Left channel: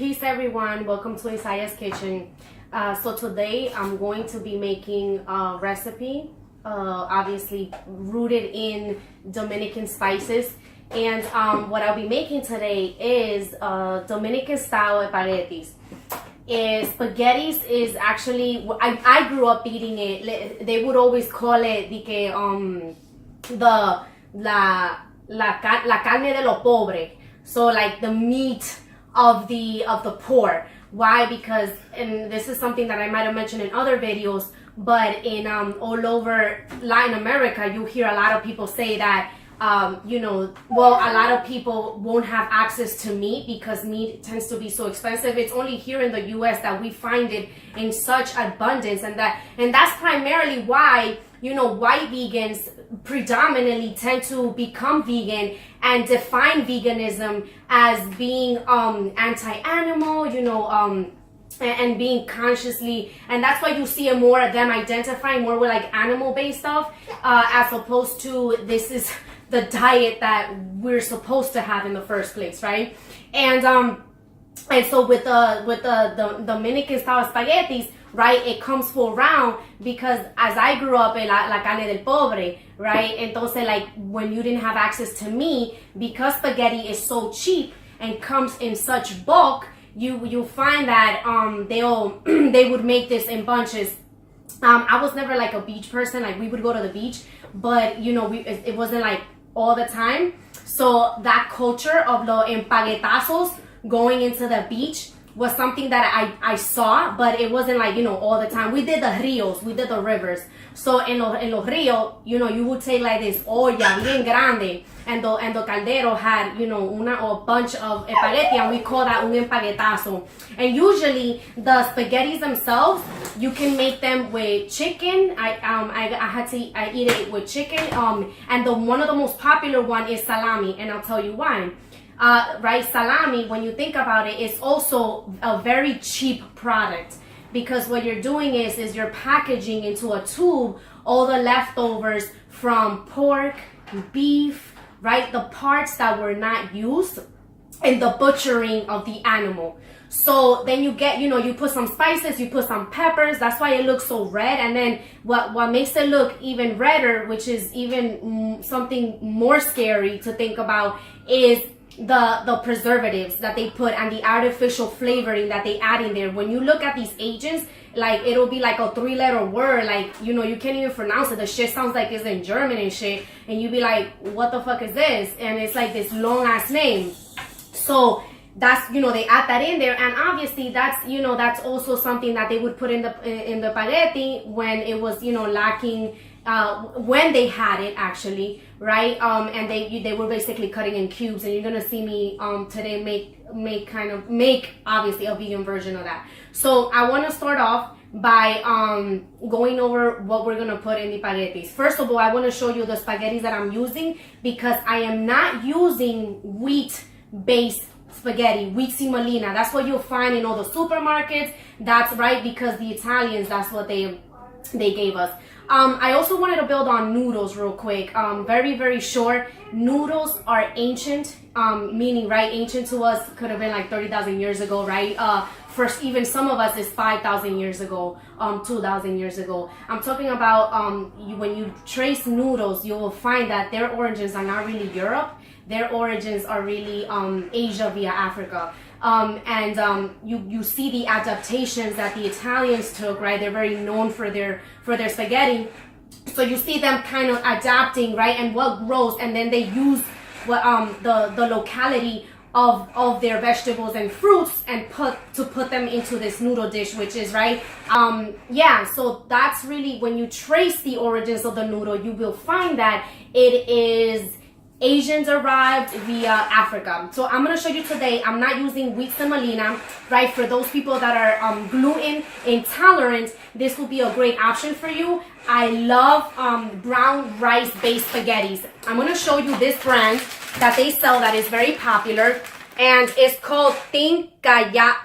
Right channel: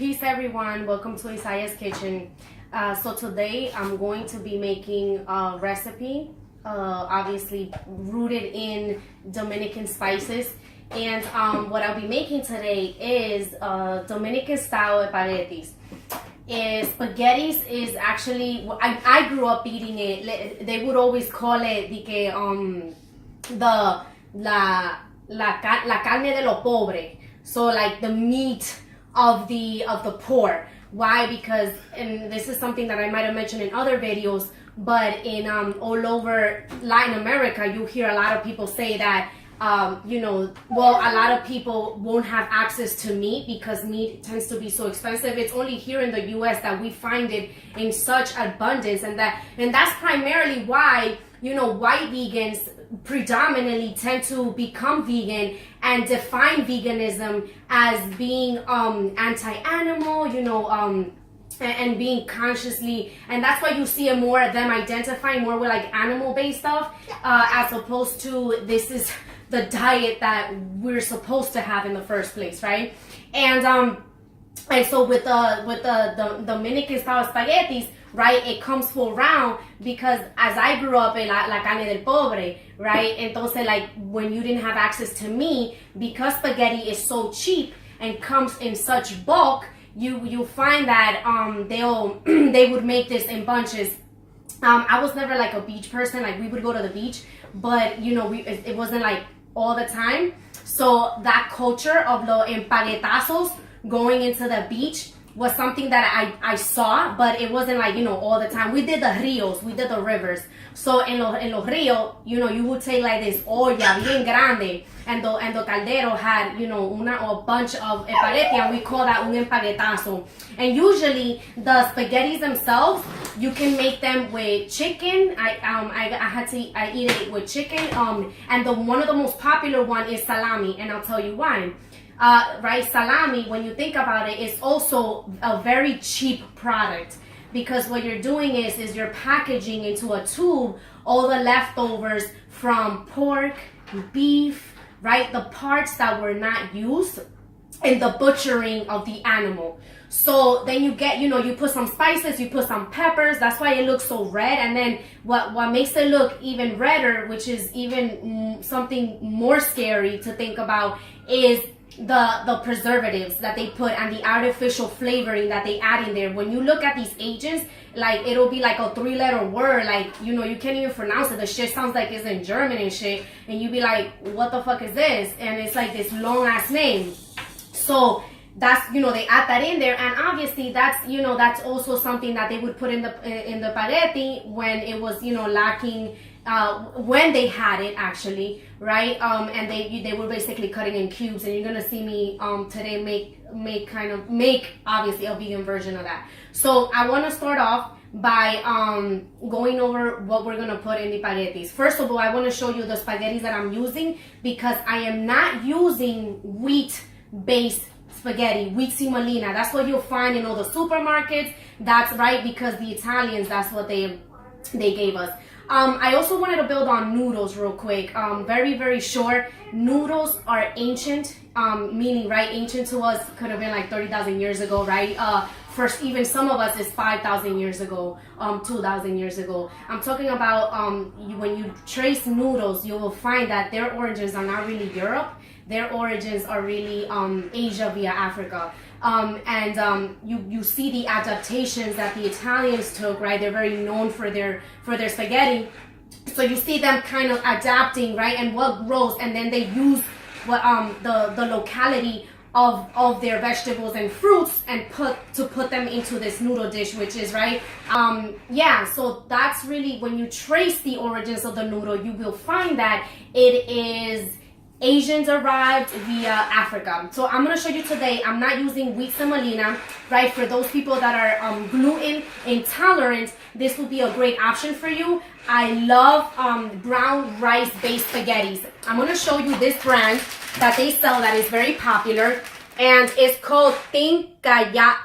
Peace everyone, welcome to Izayaa's kitchen. So today I'm going to be making a recipe, obviously rooted in Dominican spices. And what I'll be making today is Dominican style spaghettis. Spaghettis is actually, I grew up eating it. They would always call it la carne de lo pobre. So like the meat of the poor. Why? Because, and this is something that I might have mentioned in other videos, but in all over Latin America, you hear a lot of people say that a lot of people won't have access to meat because meat tends to be so expensive. It's only here in the US that we find it in such abundance, and that's primarily why white vegans predominantly tend to become vegan and define veganism as being anti-animal, and being consciously, and that's why you see more of them identifying more with like animal-based stuff, as opposed to this is the diet that we're supposed to have in the first place, right? And so with the Dominican style spaghettis, right, it comes full round because as I grew up in la carne del pobre, right, entonces like when you didn't have access to meat, because spaghetti is so cheap and comes in such bulk, you find that they would make this in bunches. I was never like a beach person, like we would go to the beach, but it wasn't like all the time. So that culture of the empaguetazos going into the beach was something that I saw, but it wasn't like, all the time. We did the rios, we did the rivers. So en los rios, you would take like this olla bien grande, and the caldero had, a bunch of espagueti, and we call that un empaguetazo. And usually the spaghettis themselves, you can make them with chicken. I eat it with chicken. And one of the most popular one is salami, and I'll tell you why. Right, salami, when you think about it, is also a very cheap product, because what you're doing is you're packaging into a tube all the leftovers from pork, beef, right, the parts that were not used in the butchering of the animal. So then you get, you put some spices, you put some peppers, that's why it looks so red. And then what makes it look even redder, which is even something more scary to think about, is the preservatives that they put and the artificial flavoring that they add in there. When you look at these agents, like it'll be like a 3-letter word, like you can't even pronounce it. The shit sounds like it's in German and shit, and you be like, what the fuck is this? And it's like this long ass name. So that's, they add that in there, and obviously that's, that's also something that they would put in the spaghetti when it was, lacking, when they had it actually, right? And they were basically cutting in cubes, and you're gonna see me today make obviously a vegan version of that. So I want to start off by going over what we're gonna put in the spaghettis. First of all, I want to show you the spaghettis that I'm using, because I am not using wheat-based spaghetti, wheat semolina. That's what you'll find in all the supermarkets. That's right, because the Italians, that's what they gave us. I also wanted to build on noodles real quick. Very, very short. Noodles are ancient, meaning, right, ancient to us could have been like 30,000 years ago, right? First, even some of us is 5,000 years ago, 2,000 years ago. I'm talking about when you trace noodles, you will find that their origins are not really Europe. Their origins are really Asia via Africa. You see the adaptations that the Italians took, right? They're very known for their spaghetti. So you see them kind of adapting, right? And what grows, and then they use what the locality of their vegetables and fruits and put them into this noodle dish, which is right. So that's really, when you trace the origins of the noodle, you will find that it is Asians arrived via Africa. So I'm going to show you today, I'm not using wheat semolina, right? For those people that are gluten intolerant, this will be a great option for you. I love brown rice based spaghettis. I'm going to show you this brand that they sell that is very popular, and it's called Izayaa.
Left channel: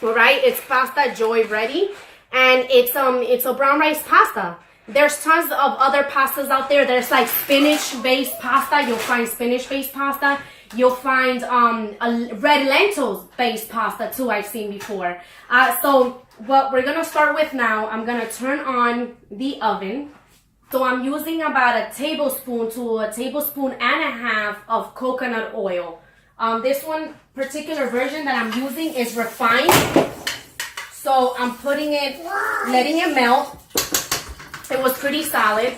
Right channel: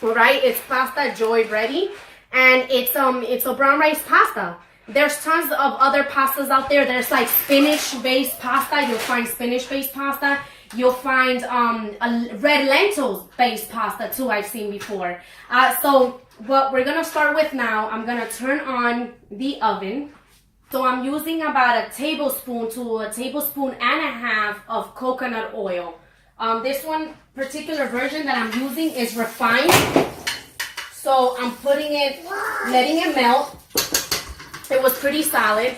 All right, it's pasta joy ready, and it's a brown rice pasta. There's tons of other pastas out there. There's like spinach-based pasta. You'll find spinach-based pasta. You'll find a red lentils-based pasta too, I've seen before. So what we're gonna start with now, I'm gonna turn on the oven. So I'm using about a tablespoon to a tablespoon and a half of coconut oil. This one particular version that I'm using is refined. So I'm putting it, letting it melt. It was pretty solid.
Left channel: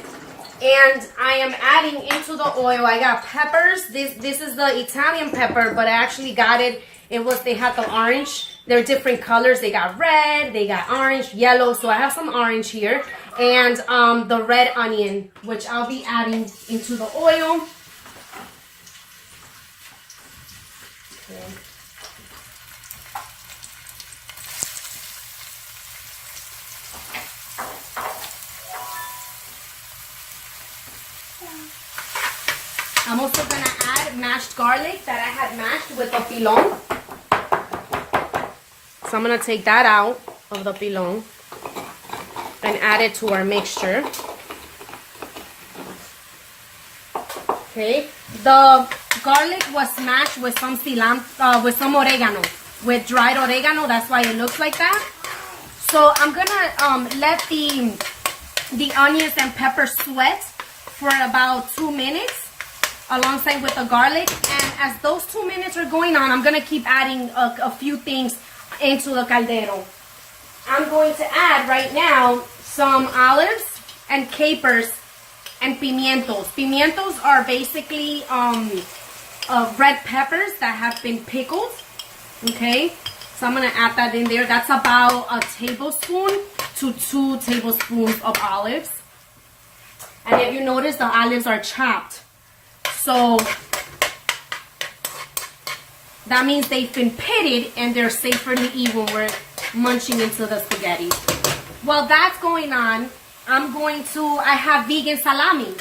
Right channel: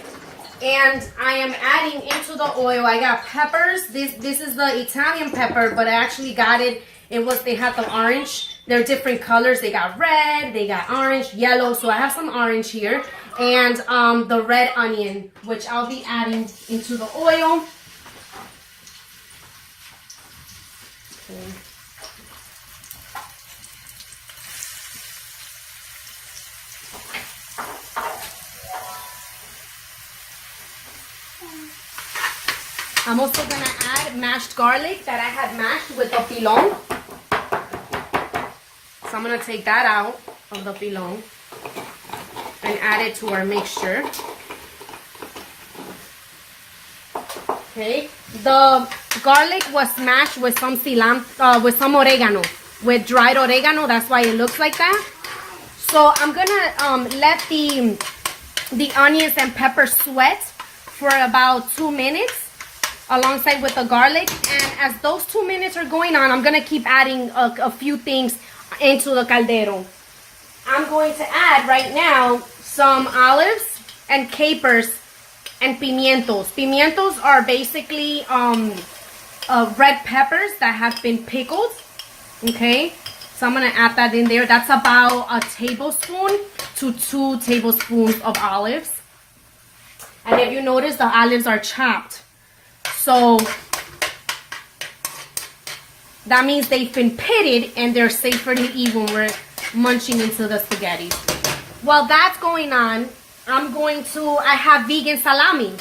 And I am adding into the oil, I got peppers. This is the Italian pepper, but I actually got it. They had the orange. They're different colors. They got red, they got orange, yellow. So I have some orange here. And the red onion, which I'll be adding into the oil. Okay. I'm also gonna add mashed garlic that I had mashed with the pilon. So I'm gonna take that out of the pilon and add it to our mixture. Okay, the garlic was smashed with some cilantro, with some oregano, with dried oregano. That's why it looks like that. So I'm gonna let the onions and peppers sweat for about 2 minutes alongside with the garlic. And as those 2 minutes are going on, I'm gonna keep adding a few things into the caldero. I'm going to add right now some olives and capers and pimientos. Pimientos are basically red peppers that have been pickled. Okay, so I'm gonna add that in there. That's about a tablespoon to 2 tablespoons of olives. And if you notice, the olives are chopped. So that means they've been pitted and they're safer to eat when we're munching into the spaghetti. While that's going on, I have vegan salami,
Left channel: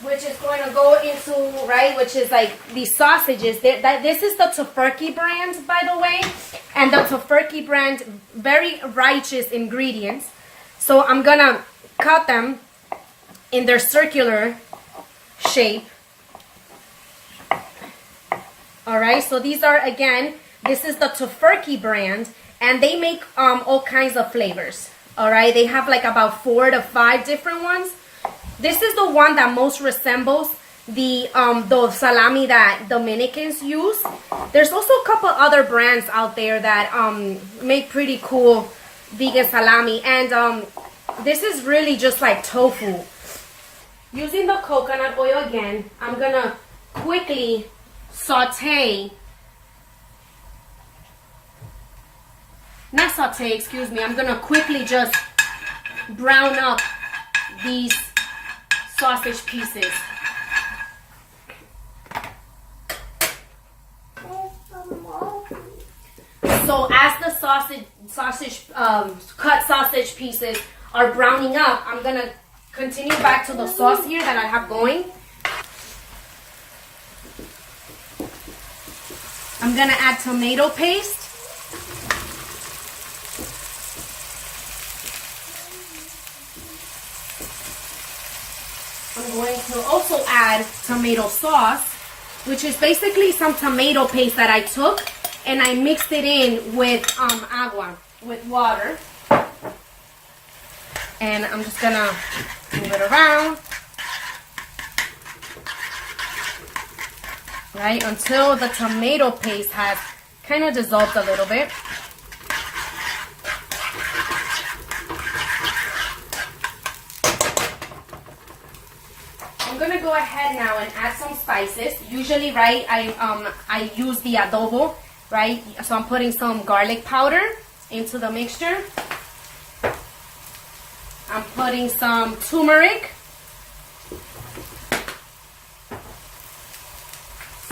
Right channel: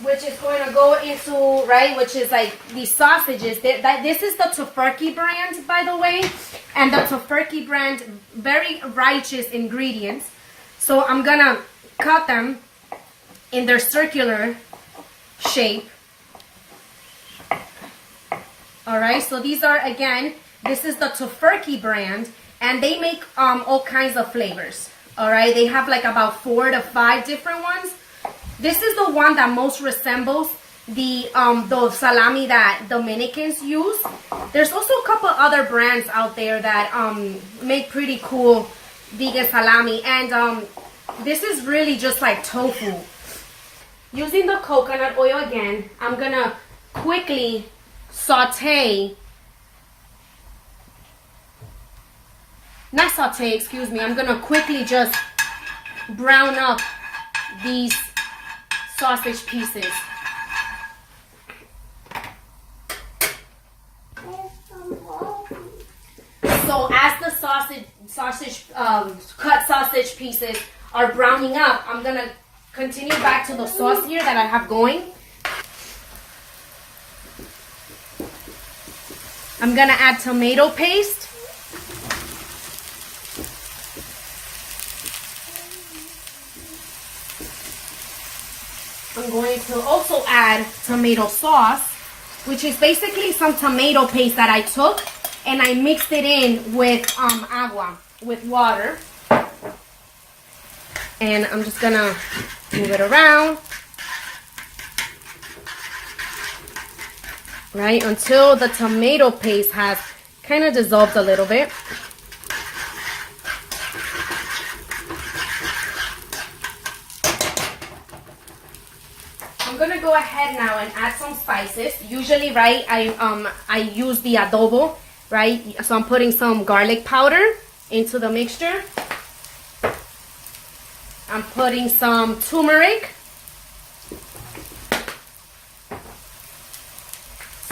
which is going to go into, right, which is like these sausages. This is the Tofurky brand, by the way. And the Tofurky brand, very righteous ingredients. So I'm going to cut them in their circular shape. All right, so these are, again, this is the Tofurky brand, and they make all kinds of flavors. All right, they have like about 4 to 5 different ones. This is the one that most resembles the salami that Dominicans use. There's also a couple other brands out there that make pretty cool vegan salami, and this is really just like tofu. Using the coconut oil again, I'm gonna quickly saute, I'm gonna quickly just brown up these sausage pieces. So as the cut sausage pieces are browning up, I'm gonna continue back to the sauce here that I have going. I'm gonna add tomato paste. I'm going to also add tomato sauce, which is basically some tomato paste that I took and I mixed it in with agua, with water. And I'm just gonna move it around, right, until the tomato paste has kind of dissolved a little bit. I'm gonna go ahead now and add some spices. Usually, right, I use the adobo, right? So I'm putting some garlic powder into the mixture. I'm putting some turmeric,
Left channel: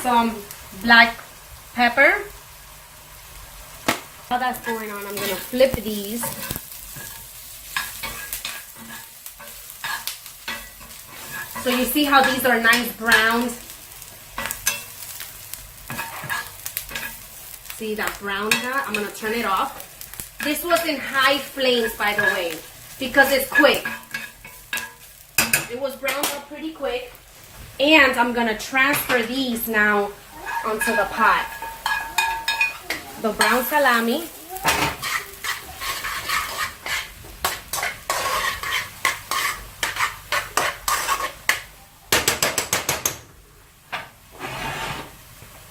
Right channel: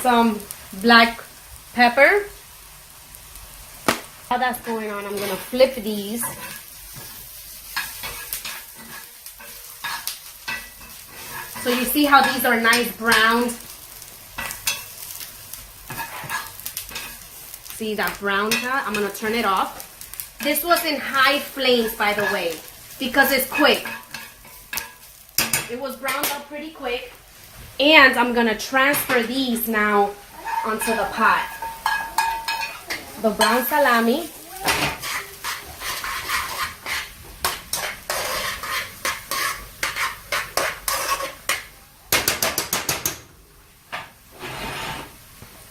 some black pepper. While that's going on, I'm gonna flip these. So you see how these are nice browns? See that brown now? I'm gonna turn it off. This was in high flames, by the way, because it's quick. It was browned up pretty quick. And I'm gonna transfer these now onto the pot. The brown salami.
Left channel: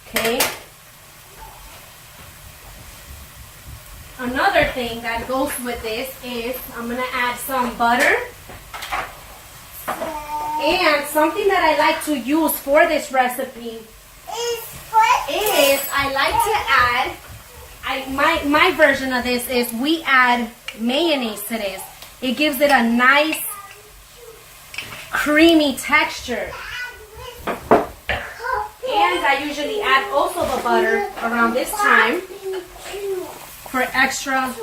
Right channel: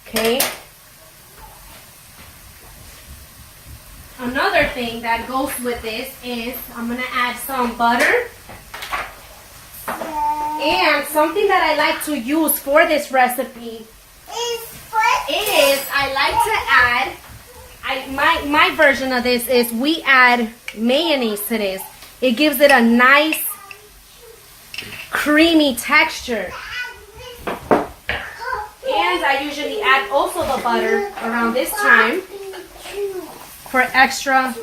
Okay. Another thing that goes with this is I'm gonna add some butter. And something that I like to use for this recipe is I like to add, my version of this is we add mayonnaise to this. It gives it a nice creamy texture. And I usually add also the butter around this time for extra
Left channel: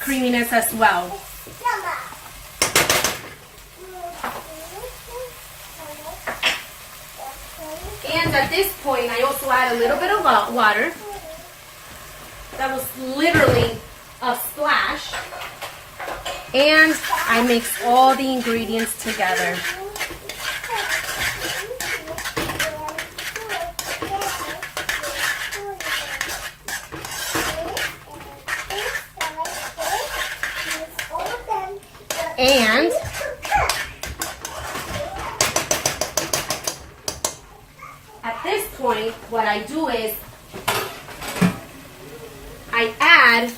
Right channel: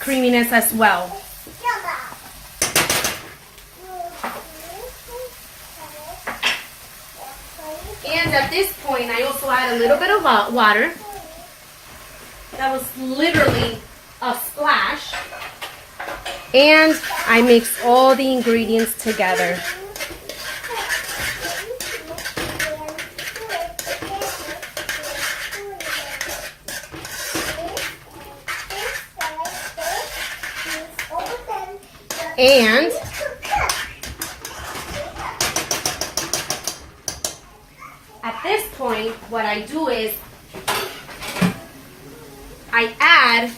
creaminess as well. And at this point, I also add a little bit of water. That was literally a splash. And I mix all the ingredients together. And at this point, what I do is I add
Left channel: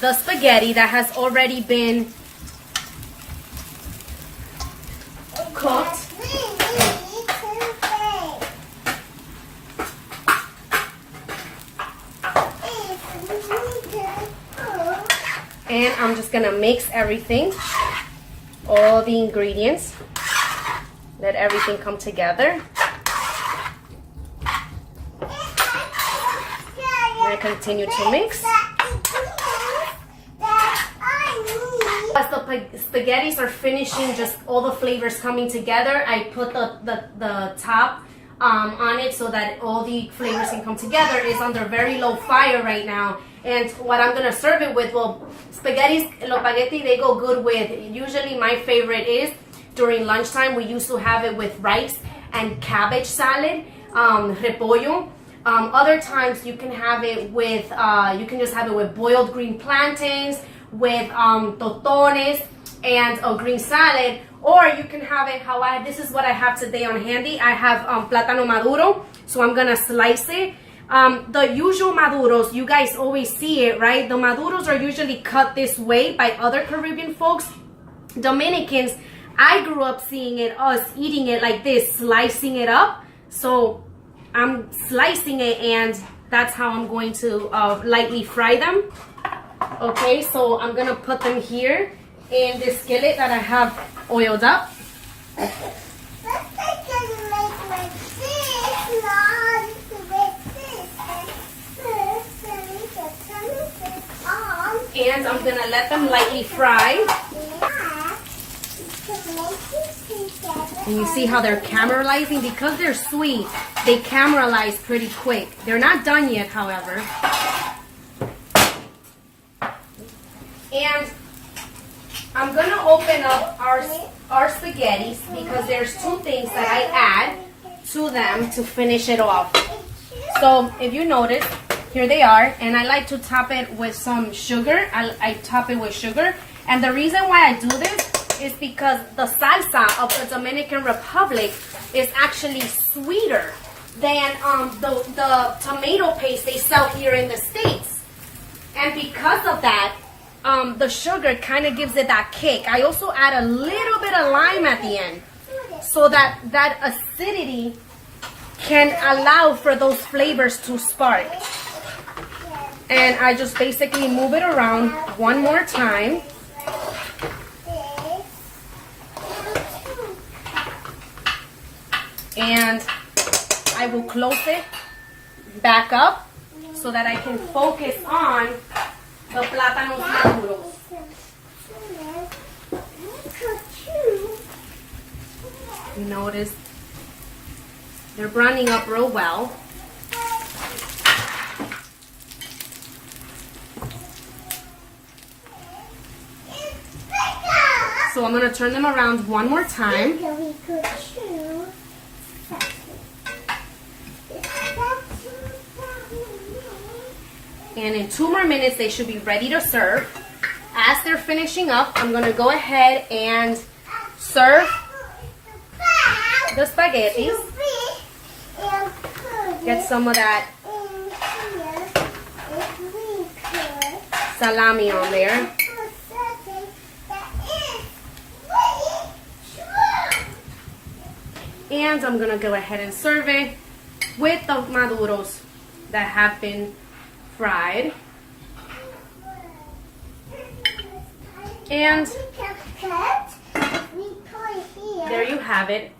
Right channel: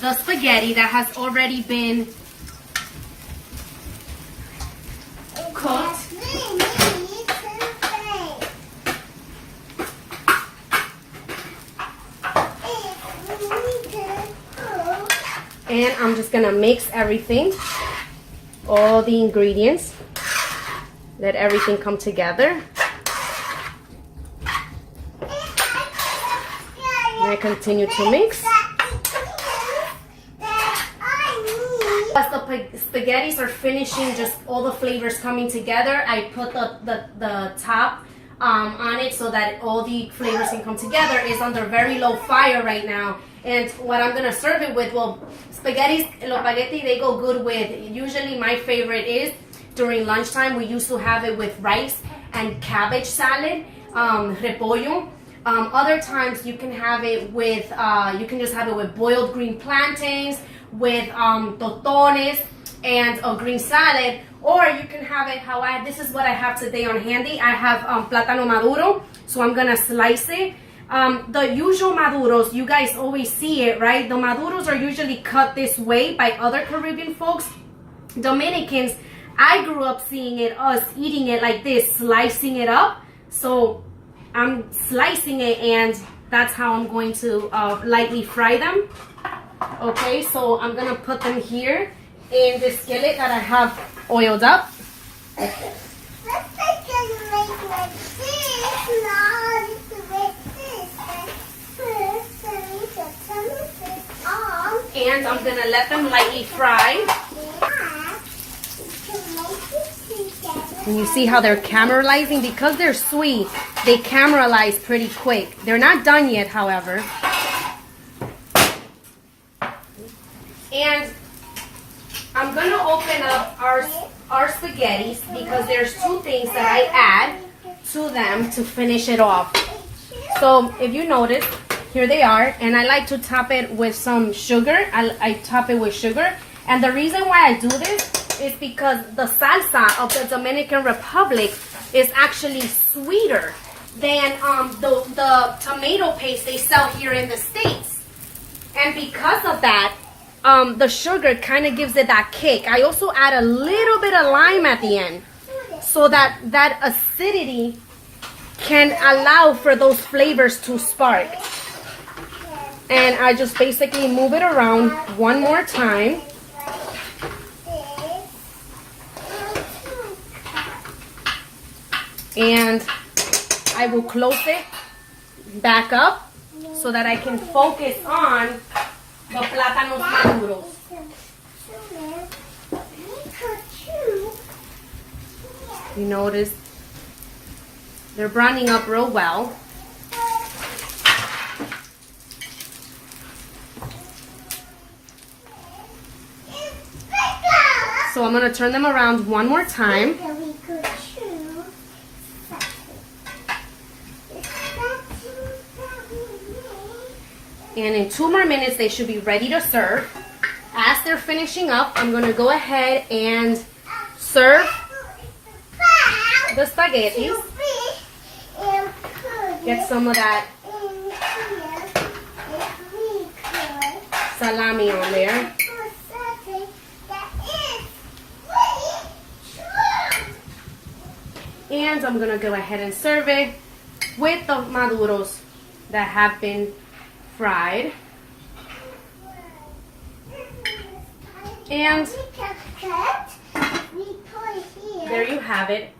the spaghetti that has already been cooked. And I'm just gonna mix everything, all the ingredients, let everything come together. And I continue to mix. As the spaghettis are finishing, just all the flavors coming together, I put the top on it so that all the flavors can come together. It's under very low fire right now. And what I'm gonna serve it with, well, los spaghetti, they go good with, usually my favorite is during lunchtime, we used to have it with rice and cabbage salad, repollo. Other times you can have it with, you can just have it with boiled green plantains, with totones and a green salad, or you can have it how this is what I have today on handy. I have plátano maduro, so I'm gonna slice it. The usual maduros, you guys always see it, right? The maduros are usually cut this way by other Caribbean folks. Dominicans, I grew up seeing it, us eating it like this, slicing it up. So I'm slicing it, and that's how I'm going to lightly fry them. Okay, so I'm gonna put them here in this skillet that I have oiled up. And I'm gonna let them lightly fry. And you see how they're caramelizing? Because they're sweet, they caramelize pretty quick. They're not done yet, however. And I'm gonna open up our spaghettis because there's two things that I add to them to finish it off. So if you notice, here they are, and I like to top it with some sugar. I top it with sugar, and the reason why I do this is because the salsa of the Dominican Republic is actually sweeter than the tomato paste they sell here in the States. And because of that, the sugar kind of gives it that kick. I also add a little bit of lime at the end so that that acidity can allow for those flavors to spark. And I just basically move it around one more time. And I will close it back up so that I can focus on the plátanos maduros. You notice they're browning up real well. So I'm going to turn them around one more time. And in 2 more minutes, they should be ready to serve. As they're finishing up, I'm going to go ahead and serve the spaghetti. Get some of that salami on there. And I'm going to go ahead and serve it with the maduros that have been fried. And there you have it.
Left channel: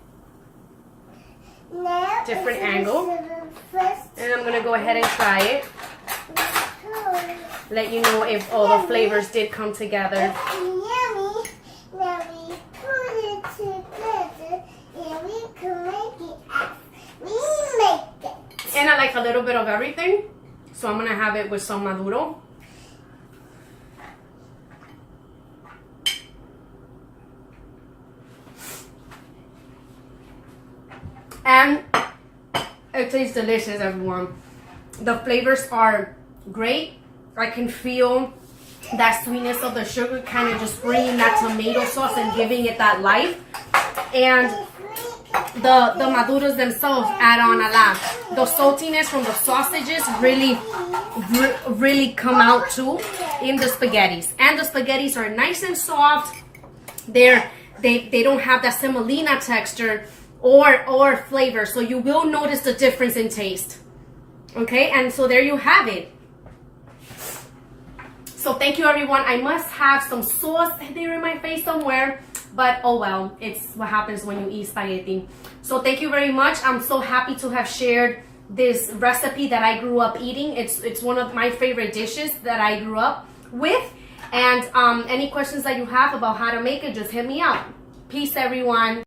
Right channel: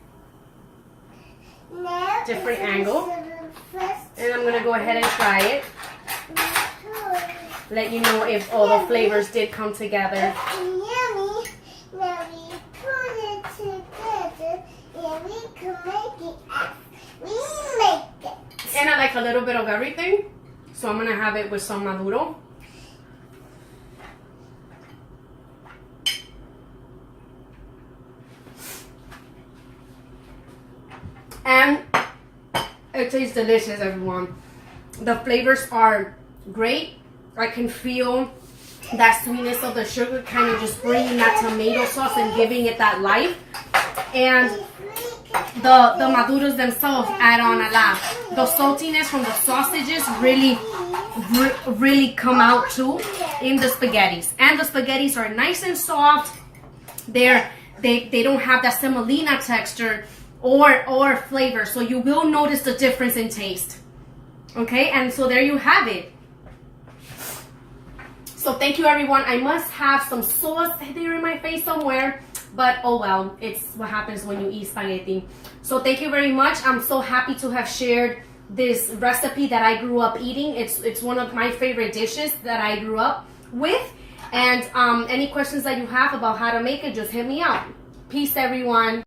Different angle. And I'm going to go ahead and try it. Let you know if all the flavors did come together. Yummy. Now we put it together and we can make it as we make it. And I like a little bit of everything. So I'm going to have it with some maduro. And it tastes delicious, everyone. The flavors are great. I can feel that sweetness of the sugar kind of just bringing that tomato sauce and giving it that life. And the maduros themselves add on a lot. The saltiness from the sausages really come out too in the spaghettis. And the spaghettis are nice and soft. They don't have that semolina texture or flavor, so you will notice the difference in taste. Okay, and so there you have it. So thank you, everyone. I must have some sauce there in my face somewhere, but oh well, it's what happens when you eat spaghetti. So thank you very much. I'm so happy to have shared this recipe that I grew up eating. It's one of my favorite dishes that I grew up with. And any questions that you have about how to make it, just hit me up. Peace, everyone.